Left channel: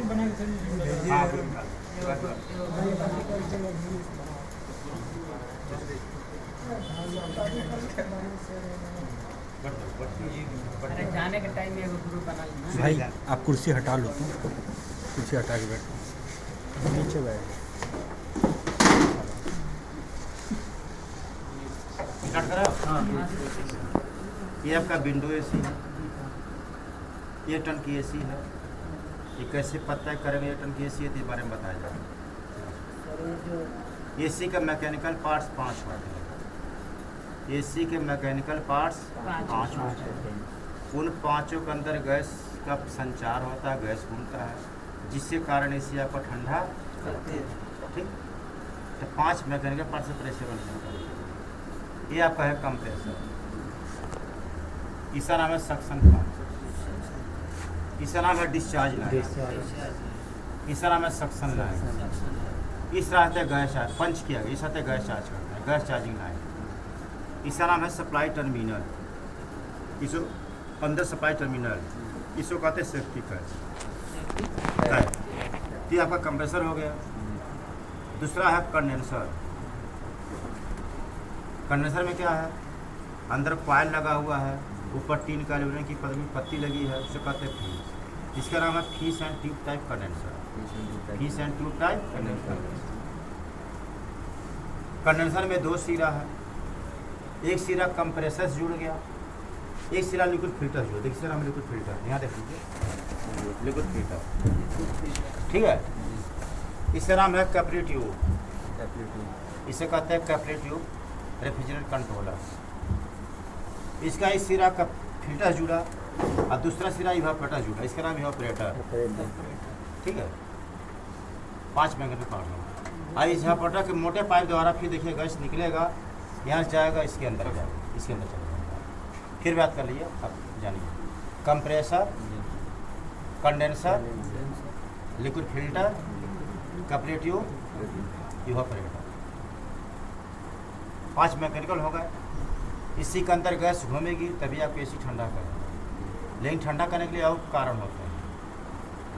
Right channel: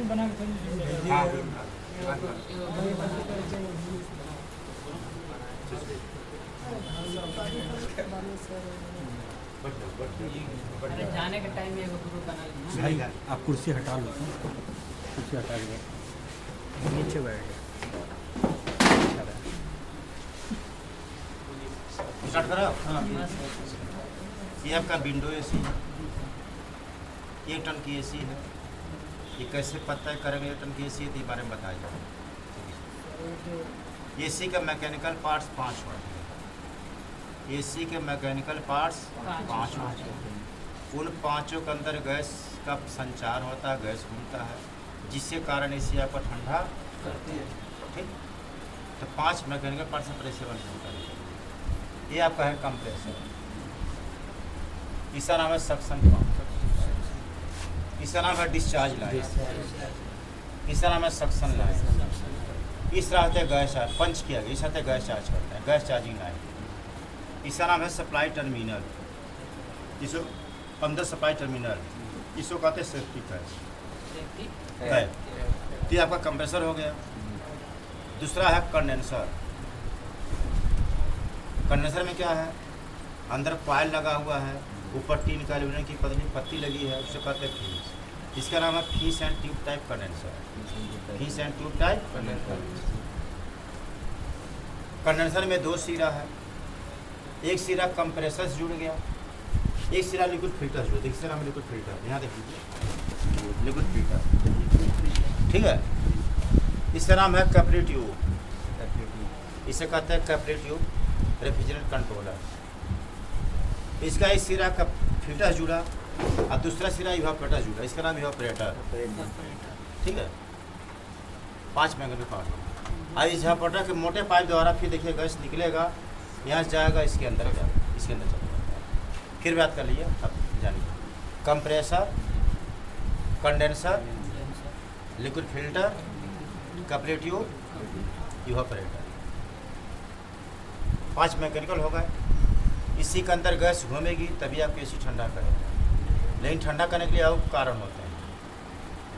बना के जाने के टाइम में ग्रुप बना लेना। भाई आप कुर्सी हटा लो, कुर्सी हटा के बैठ नीचे बैठ हाँ। ये आपका विंडो एसी है, ये टन की एसी है। ये कैसे पता करेंगे ये टन की एसी है, तो बारे में बताया जाए। एसी के मैकेनिकल पार्ट्स 5 होते हैं। एसी के मैकेनिकल पार्ट्स 5 होते हैं। उन 5 के अंदर गैस का संचार होता है, गैस घूमता है, जिसके कारण एसी आपको ठंडा करती है। ठीक, तो 5 मैकेनिकल पार्ट से प्रेशर बनता है। ये आपका है कंप्रेसर, इसका नाम है सक्शन पंप, इसका नाम है डिस्चार्ज लाइन, इसका नाम है सक्शन लाइन। इस तरह से गैस पंच किया गया, इस तरह गैस चार्ज करता है, गैस चार्जिंग लाइन। इसका नाम है सप्लाई टर्मिनल, इसको अंदर सप्लाई टर्मिनल, इसको कहते हैं सेफ्टी गैस। ये आपका कंप्रेसर हो गया। दूसरा है कंडेंसर। कंडेंसर में क्या है, अंदर कॉइल लगा हुआ है, ऊपर टीन का एल्यूमिनियम की पत्ती लगी है, उसे कहते हैं फीस। इसका नाम है fees and tube type condenser. Fees and tube type condenser. Condenser में 2 सिरा है, एक सिरा कंप्रेसर से जुड़ गया, एक सिरा लिक्विड फिल्टर से जुड़ा। देखिए सर, हम लिक्विड फिल्टर यहाँ देखिए, लिक्विड फिल्टर, ठीक है। इसका नाम है कैपिलरी ट्यूब, इसे कहते हैं कैपिलरी ट्यूब रेफ्रिजरेटर कंट्रोलर। इसका एक सिरा का फिल्टर जुड़ा और दूसरा सिरा इवापोरेटर जुड़ा, इसका नाम इवापोरेटर, ठीक है। 5 मैकेनिकल पार्ट। और इस इवापोरेटर के मोटे पाइप द्वारा फिर देखिए गैस निकलेगा, यहाँ से जाएगा, इसके अंदर जाएगा, इसके अंदर चला जाएगा। फिर बात कर लीजिए, अब जानिए। Compressor, condenser, liquid filter, capillary tube, evaporator, 5 mechanical हो गए। इसी के अंदर गैस घूमेगी तभी आप एसी ठंडा करेंगे। लेकिन ठंडा करने के लिए और कारण होते हैं।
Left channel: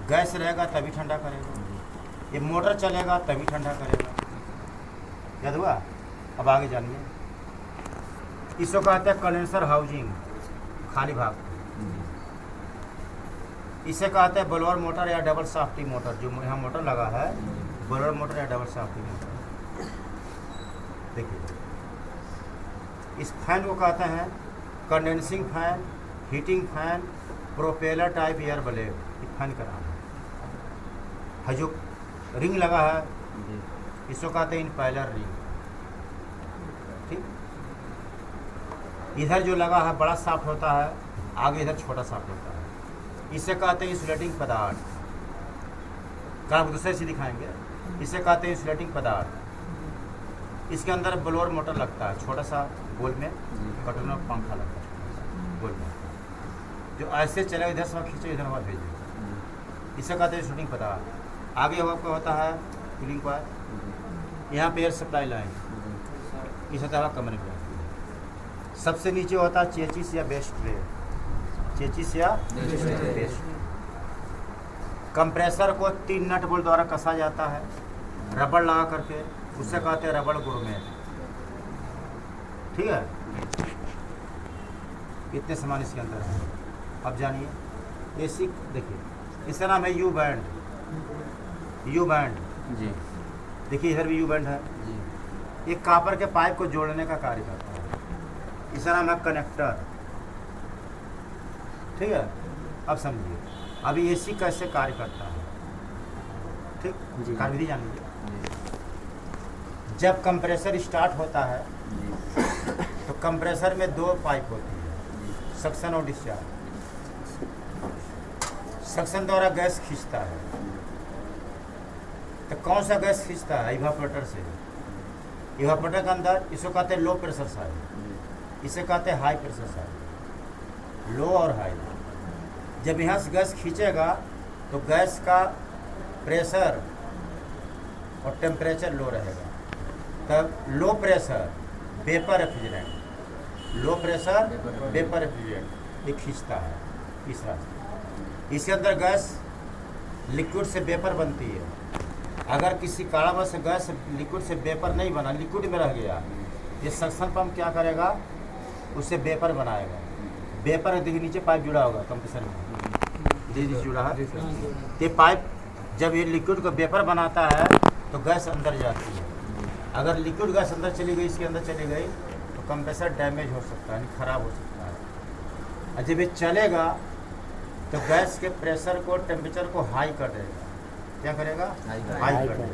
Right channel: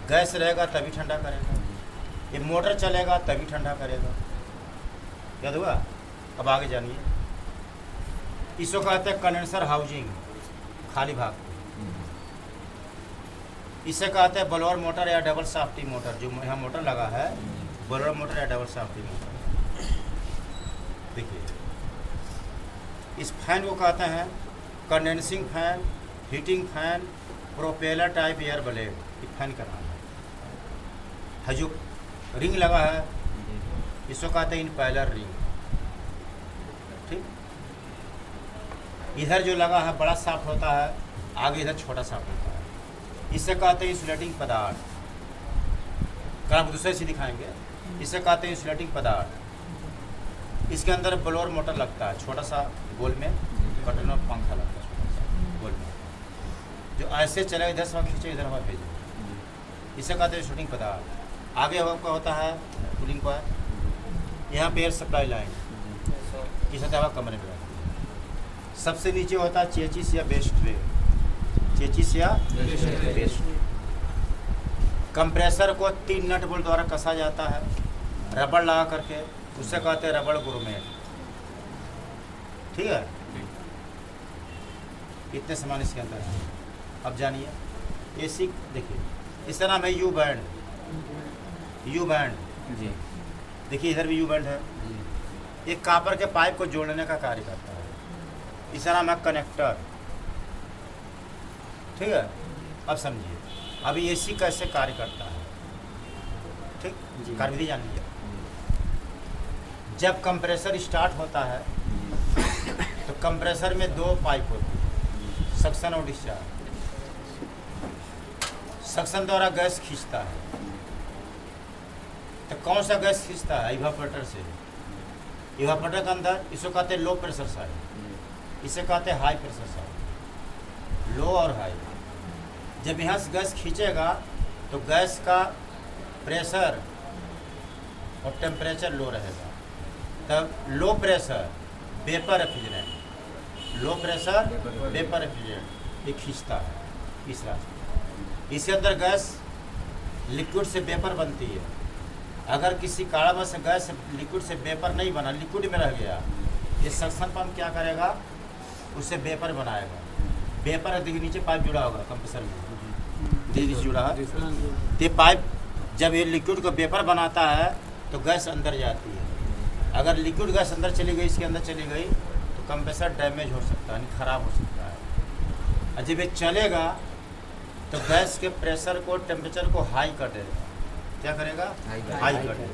गैस रहेगा तभी ठंडा करेगा, ये मोटर चलेगा तभी ठंडा करेगा। याद हुआ? अब आगे जानिए। इसको कहते हैं कंडेंसर हाउसिंग, खाली भाग। इसे कहते हैं ब्लोअर मोटर या डबल शाफ्टी मोटर। जो यहाँ मोटर लगा है, ब्लोअर मोटर या डबल शाफ्टी मोटर। देखिए, इस फैन को कहते हैं condensing fan, heating fan, propeller type air blade. ये फैन का नाम है। जो रिंग लगा है, इसको कहते हैं इम्पेलर रिंग, ठीक। इधर जो लगा है बड़ा शाफ्ट होता है, आगे इधर छोटा शाफ्ट होता है। इसे कहते हैं इंसुलेटिंग पदार्थ। काम दूसरे से दिखाएंगे। इसे कहते हैं इंसुलेटिंग पदार्थ। इसके अंदर ब्लोअर मोटर लगता है, छोटा सा गोल में बटन और पंखा लगता है, छोटा सा गोल में, जो ऐसे चलेगा, इधर से खींचो, इधर हवा भेजो। इसे कहते हैं इंसुलेटिंग पदार्थ। आगे हवा का होता है कूलिंग कॉइल, यहाँ पे एयर सप्लाई लाइन, इस हवा कमरे में रहती है। सबसे नीचे होता है चेचिस या बेस्ट वे, चेचिस या बेस्ट। कंप्रेसर को 3 नट बोल्ट द्वारा कसा जाता है, रबड़ लगा करके, उसे कहते हैं रबड़ गुरमेट, ठीक है। इतने सामान इसके अंदर है। अब जानिए एसी। देखिए, इसका नाम है यू बैंड, यू बैंड जी। देखिए इधर भी यू बैंड है, एक कॉपर के पाइप को जोड़ने का कार्य करता है। इसका नाम है कनेक्टर, ठीक है। अब समझिए, अभी एसी कैसे कार्य करता है, ठीक, कार्यविधि जानिए। जब कंप्रेसर स्टार्ट होता है तो कंप्रेसर में 2 पाइप होती है, सक्शन और डिस्चार्ज। सक्शन द्वारा गैस खींचता है, तो कौन सा गैस खींचता है? इवापोरेटर से। इवापोरेटर के अंदर इसको कहते हैं लो प्रेशर साइड, इसे कहते हैं हाई प्रेशर साइड। लो और हाई, जब यहाँ से गैस खींचेगा तो गैस का प्रेशर और टेम्परेचर लो रहेगा। तब low pressure vapour refrigerant, low pressure vapour refrigerant ये खींचता है। तीसरा, इसके अंदर गैस लिक्विड से वेपर बनती है। अगर किसी कारणवश से गैस लिक्विड से वेपर नहीं बना, लिक्विड में रह गया, ये सक्शन पंप क्या करेगा, उससे वेपर बनाएगा। वेपर देखिए नीचे पाइप जुड़ा होगा कंप्रेसर में, नीचे जुड़ा है, तो पाइप जब ये लिक्विड का वेपर बनाता है तो गैस अंदर जाती है। अगर लिक्विड गैस अंदर चली गई, इसके अंदर चली गई तो कंप्रेसर डैमेज हो सकता है, खराब हो सकता है। और जब ये चलेगा तो गैस के प्रेशर को, टेम्परेचर को हाई कर देगा। क्या करेगा? हाई कर देगा।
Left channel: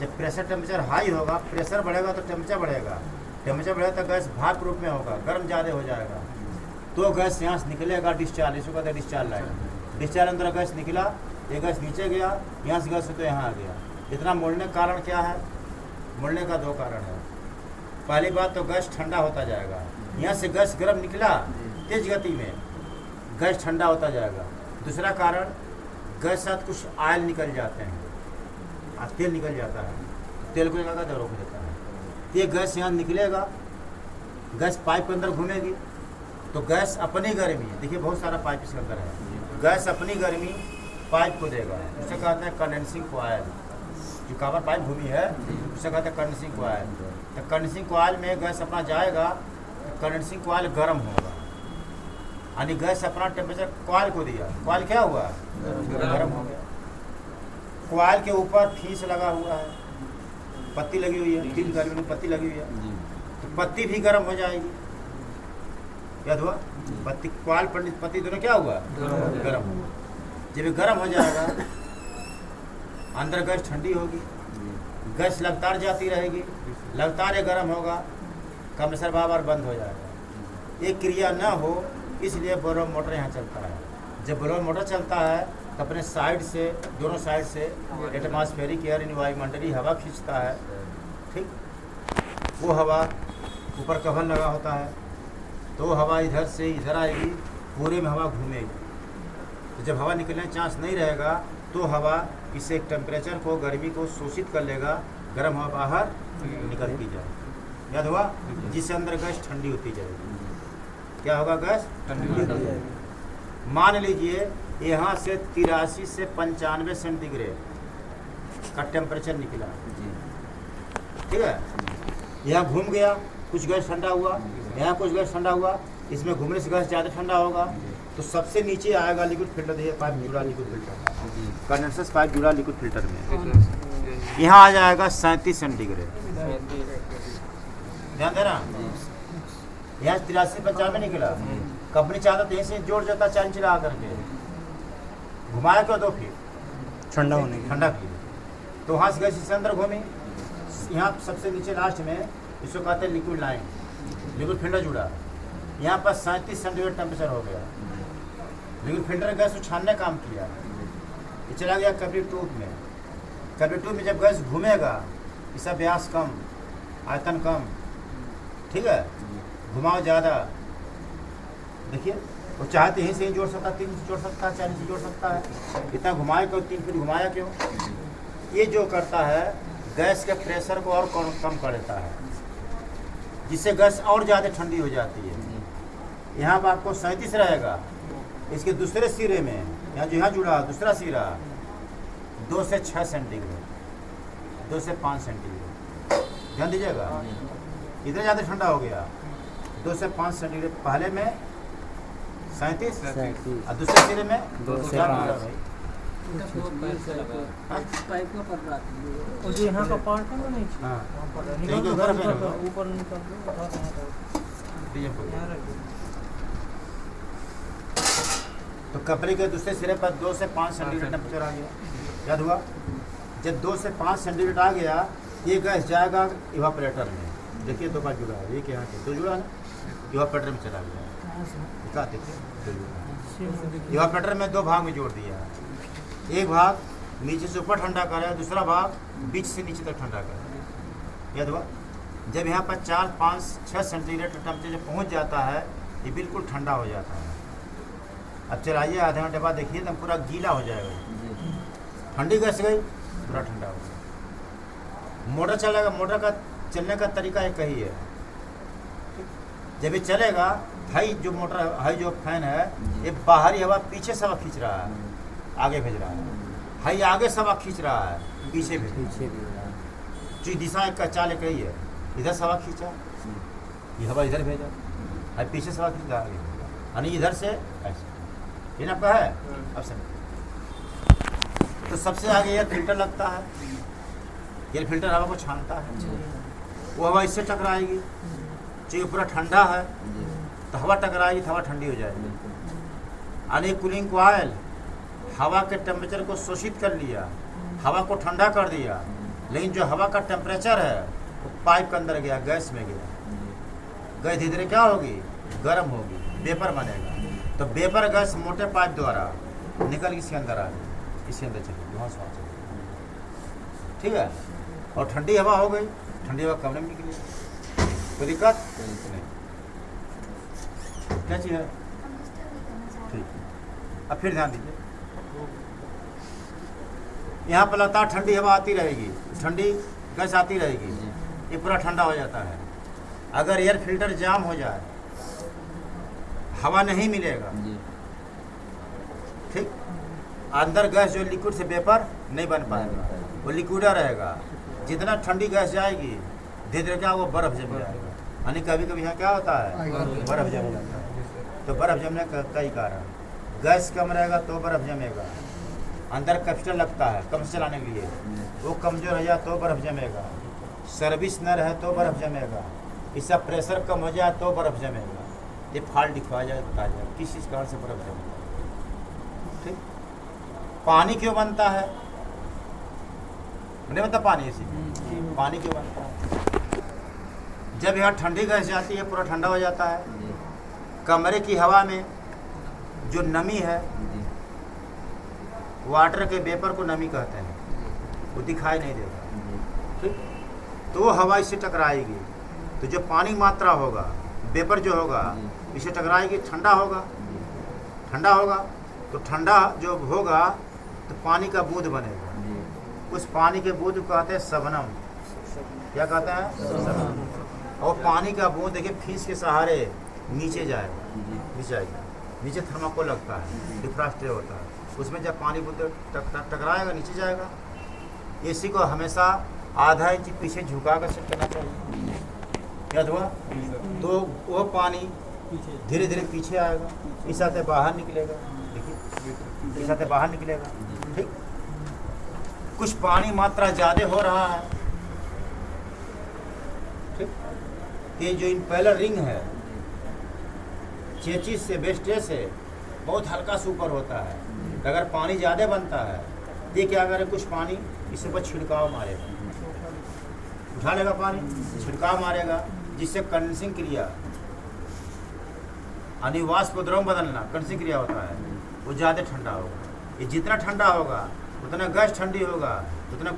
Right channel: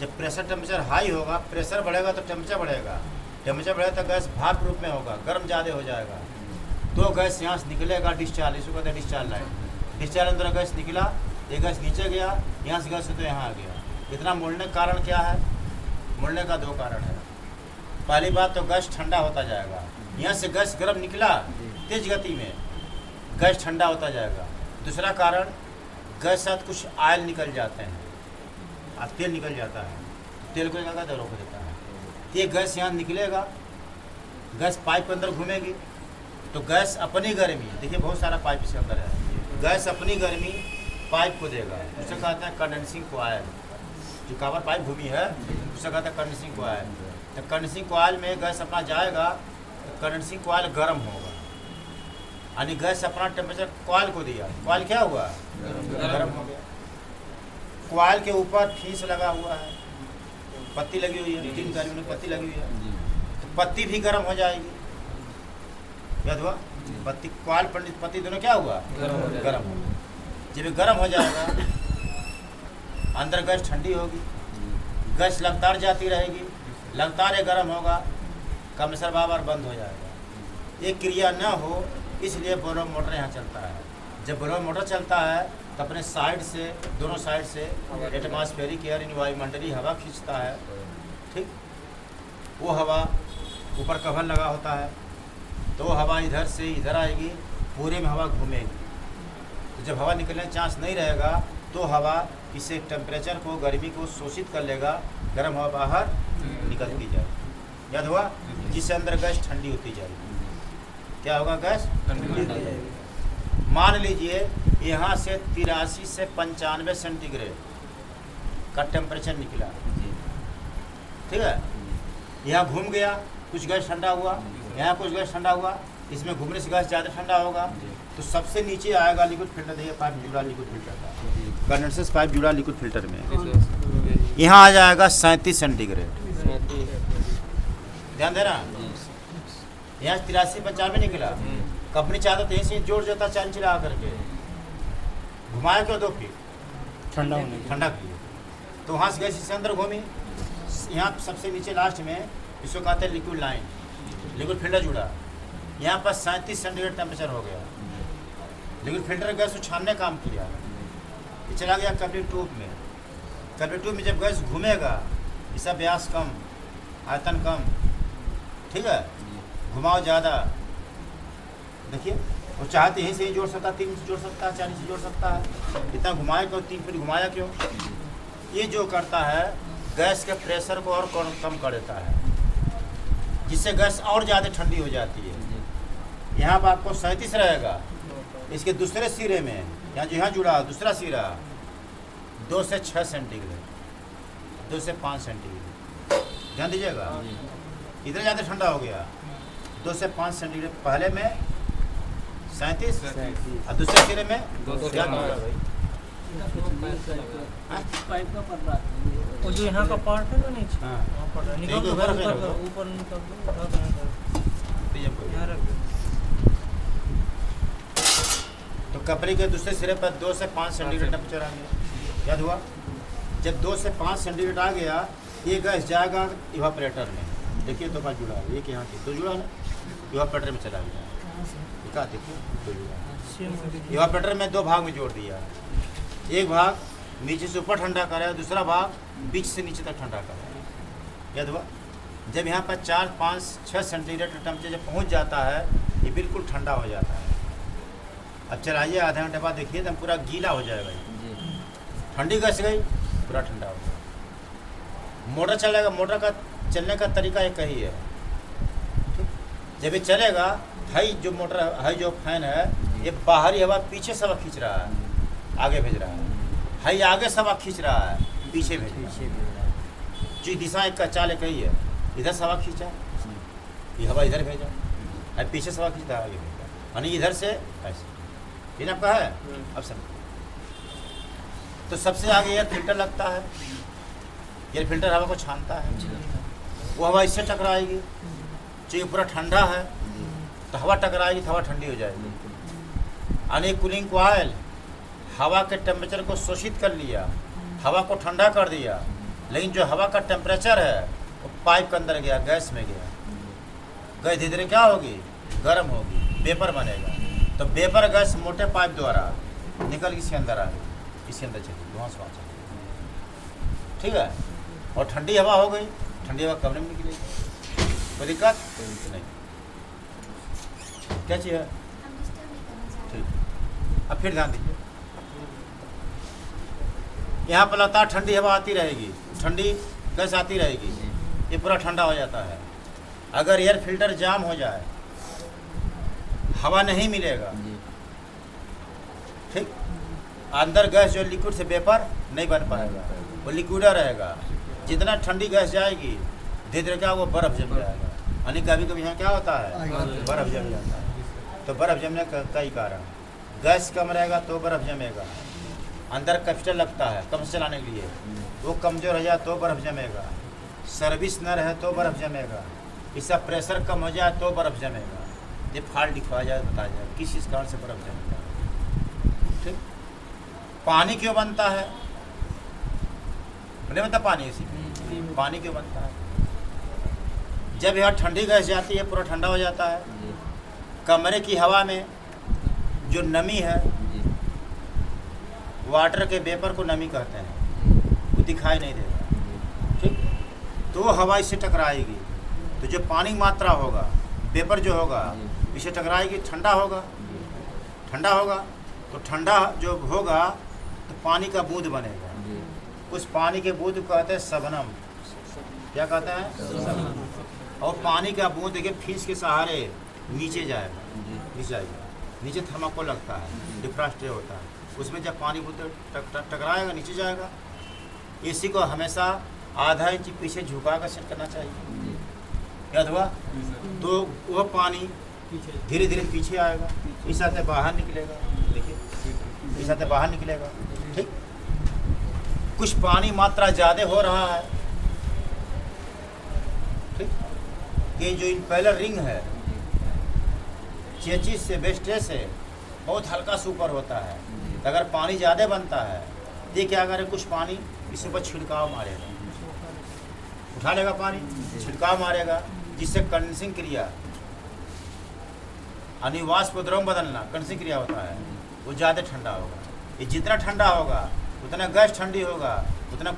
जब प्रेशर टेम्परेचर हाई होगा, प्रेशर बढ़ेगा तो टेम्परेचर बढ़ेगा, टेम्परेचर बढ़ेगा तो गैस भाप रूप में होगा, गर्म ज़्यादा हो जाएगा, तो गैस यहाँ से निकलेगा डिस्चार्ज, इसको कहते हैं डिस्चार्ज लाइन। डिस्चार्ज अंदर गैस निकला, ये गैस नीचे गया, यहाँ से गैस तो यहाँ आ गया। इतना मोड़ने का कारण क्या है? मोड़ने का दो कारण है। पहली बात तो गैस ठंडा होता जाएगा, यहाँ से गैस गर्म निकला तेज गति में, गैस ठंडा होता जाएगा। दूसरा कारण गैस साथ कुछ ऑयल निकल जाते हैं, तेल निकल जाता है, तेल को क्या कहते हैं, रोक देता है। ये गैस यहाँ निकलेगा, गैस पाइप के अंदर घूमेगी तो गैस अपनी गर्मी, देखिए बहुत सारा पाइप इसके अंदर है, गैस अपनी गर्मी पाइप को देगा। उसे कहते हैं कंडेंसिंग कॉइल। जो कवर पाइप घूमी है उसे कहते हैं कंडेंसिंग कॉइल। तो कंडेंसिंग कॉइल में गैस अपना जाएगा तो कंडेंसिंग कॉइल गर्म होगा, यानी गैस अपना टेम्परेचर कॉइल को दिया, कॉइल क्या हुआ? गर्म हो गया। कॉइल के ऊपर फीस लगा हुआ है, पत्ती लगी हुई है, 3 गर्मी में पत्ती लगी हुई है, तो पत्ती भी गर्म हो जाएगी। याद हुआ? पत्ती, कॉइल पत्ती दोनों क्या हुआ? गर्म। जब ये गर्म हो जाएगा अंदर गैस ठंडी होगी, गैस लगातार जाती रहेगी, लगातार ये गर्म होगा, कंप्रेसर बार बंद हो जाएगा। ये क्रिया न हो इसलिए ब्लोअर मोटर यहाँ चलता है। जब ब्लोअर मोटर चलता है तो अपने साइड से, दोनों साइड से एटमॉस्फेरिक एयर यानी वायुमंडलीय हवा खींचता है, ठीक। वो हवा ऊपर कवर लगा होता है तो वो हवा इधर से इधर आएगी, पूरे में हवा घूमेगी। तो जब हवा निकलने का चांस नहीं रहेगा तो हवा इसे टेम्परेचर को, गर्मी को शोषित कर लेगा, गर्म हवा बाहर निकलती जाएगी। याद हुआ? जिससे अंदर गैस ठंडी होती जाएगी। क्या होगा? गैस ठंडी। मान लीजिए यहाँ से 83 से 95 सेंटीग्रेड का टेम्परेचर निकला, ठीक है। यहाँ घूम गया, कुछ गैस ठंडा हुआ, यहाँ कुछ गैस ठंडा हुआ, इसमें घूमने से गैस ज़्यादा ठंडा होगा तो सबसे नीचे आएगा लिक्विड फिल्टर। देखिए पाइप जुड़ा लिक्विड फिल्टर, कंडेंसर पाइप जुड़ा लिक्विड फिल्टर में, यहाँ आ जाएगा 37 सेंटीग्रेड। ध्यान देना, यहाँ 83-95 निकला, कंपनी चाहता था यहीं से जोड़ देता 4 इंच लगा करके, घुमाया क्यों? 2 फीट ठंडा होने ठंडा की, तो वहाँ से गैस इसके अंदर घूमी। यहाँ सबसे नीचे लास्ट में इसको कहते हैं लिक्विड लाइन, लिक्विड फिल्टर जुड़ा, यहाँ पर 37 सेंटीग्रेड टेम्परेचर हो गया। लिक्विड फिल्टर गैस को छानने काम किया, ये चला गया कैपिलरी ट्यूब में। कैपिलरी ट्यूब में जब गैस घूमेगा, इसका व्यास कम, आयतन कम, ठीक है, घुमाव ज़्यादा। देखिए वो चाहते यहीं से ही जोड़ सकता है, 3 इंच जोड़ सकता है, 4 इंच जोड़ सकता है, इतना घुमाया क्यों? 3 फीट घुमाया क्यों? ये जो करता है गैस के प्रेशर को और कम कर देता है, जिससे गैस और ज़्यादा ठंडी हो जाती है। यहाँ पर आपको 37 रहेगा, इसके दूसरे सिरे में, यहाँ जो यहाँ जुड़ा दूसरा सिरा 2 से 6 सेंटीग्रेड, 2 से 5 सेंटीग्रेड, ध्यान दीजिएगा। इधर ज़्यादा ठंडा हो गया, 2 से 5 सेंटीग्रेड, पहले में 37 और दूसरे सिरे में 2 से 5। पाइप का पड़ रहा है, और जो यहाँ का पार्ट है ना नीचे, हाँ, निकल ठीक है, के ऊपर ऊपर निकल तो कपड़े के दूसरे सिरे पर 2 से 5 सेंटीग्रेड टेम्परेचर आ गया। याद हुआ? जब 2 से 5 सेंटीग्रेड आ गया, ये गैस जाएगा इवापोरेटर में। देखिए 2 बार जुड़ा है, एक यहाँ के 2 जुड़ा है, इवापोरेटर में चला गया। देखिए इवापोरेटर में 2 भाग में जोड़ दिया, एक भाग नीचे से ऊपर ठंडा कर रहा है, दूसरा भाग बीच से नीचे तक ठंडा कर रहा है। याद हुआ? जब यहाँ पर 4, 5, 6 सेंटीग्रेड टेम्परेचर पहुँच जाता है, ये बिल्कुल ठंडा हो जाता है। अब चलाइए, आधे घंटे बाद देखिए तो पूरा गीला हो जाएगा। जी ठंडी गैस गई, पूरा ठंडा हो गया। मोटर चलेगा, मोटर का चलने का तरीका एक ही है। ठीक? जब ये चलेगा, हाई जो मोटर हाई जो फैन है, ये बाहरी हवा पीछे से हवा खींच रहा है, आगे भेज रहा है। हाई आगे से हवा खींच रहा है, पीछे भेज रहा है। पीछे भी रहा। जो दिशा एक का चाल एक ही है, इधर से हवा खींचा, ये हवा इधर भेजा, हाई पीछे से हवा खींचा, आगे भेजा, यानी इधर से ऐसे। ये ना है अब सब। तो सबसे आगे एयर फिल्टर लगता है। एयर फिल्टर हवा को छानता है। वो हवा इससे टकराएगी, जो पूरा ठंडा है तो हवा टकराएगी तो हवा ठंडी हो जाएगी। यानी कूलिंग कॉइल हवा के टेम्परेचर को शोषित कर लिया, हवा को ठंडा कर दिया, लेकिन जो हवा का टेम्परेचर है वो पाइप के अंदर गया, गैस में गया। गैस धीरे धीरे क्या होगी, गर्म होगी, वेपर बनेगा। तो वेपर गैस मोटे पाइप द्वारा निकल इसके अंदर आ गई, इसके अंदर चली, वहाँ से वहाँ चली। ठीक है। और ठंडी हवा हो गई, ठंडी हवा कमरे में निकली, कोई दिक्कत नहीं। क्या चीज़ है? ठीक। अब फिर ध्यान दीजिए, यहाँ पर लगातार ठंडी हवा आती रहेगी, ठंडी गैस आती रहेगी, ये पूरा ठंडा हो जाता है। अगर एयर फिल्टर जाम हो जाए, हवा नहीं मिलेगा, ठीक, अंदर गैस जो लिक्विड से वेपर नहीं बन पाएगा, वो लिक्विडा रहेगा। जितना ठंडी गैस जाएगी, धीरे धीरे क्या वो बर्फ जम जाएगा। यानी कभी कभी यहाँ क्या होता है, बर्फ जम जाता है। तो बर्फ जमने का कई कारण, गैस कम रहेगा तो बर्फ जमेगा, अंदर कैपेसिटर लगता है कम से चलाने के लिए, वो कमज़ोर है तो बर्फ जमेगा, सर्विस न रहे तो बर्फ जमेगा, इसका प्रेशर कम हो जाए तो बर्फ जमेगा। ये फॉल्ट दिखवा जाए, बता जाए किस चीज़ कारण से बर्फ जमेगा। ठीक। पानी क्यों बनता है, नहीं बनता पानी इसी में। पानी क्यों बनता है, जब यहाँ ठंडी गैस जाती है पूरा ठंडा हो जाता है, कमरे की हवा में जो नमी है, वाटर के वेपर को नमी कहते हैं, वो दिखाई नहीं देता। ठीक। तो वो हवा इससे टकराएगी, तो जो पानी मात्रा होगा, वेपर जो होगा, इससे टकराएगी, ठंडा होगा। ठंडा होगा तो ठंडा जो होगा तो पानी का बूंद बनेगा, उस पानी के बूंद को कहते हैं शबनम। क्या कहता है? और पानी का बूंद देखिए फीस के सहारे नीचे जाएगा, नीचे आएगा, नीचे थर्माकोल लगता है, डिफ्रॉस्ट होता है, उसमें जब पानी बूंद टकराएगा नीचे जाएगा। इसी को हमेशा आधा इंच पीछे झुका कर सेट करना चाहिए। क्या हुआ? तो वो पानी धीरे धीरे पीछे आएगा, इस आते बाहर निकलेगा, देखिए इस आते बाहर निकलेगा। ठीक। कुछ पानी मात्रा ज़्यादा हो रहा है, ठीक, ये जो इम्पेलर रिंग है चेचिस से वेस्टेज से बहुत हल्का से ऊपर होता है। अगर पानी ज़्यादा बनता है ये क्या करें, कुछ पानी इसके ऊपर छिड़काव मारेगा, उठा लेगा पानी, छिड़काव मारेगा, जिससे कंडेंसिंग क्रिया, अनिवाष्प द्रव बदलना कंडेंसिंग क्रिया होता है, वो ज़्यादा ठंडा होगा। ये जितना ठंडा होगा उतना गैस ठंडी होगा, उतना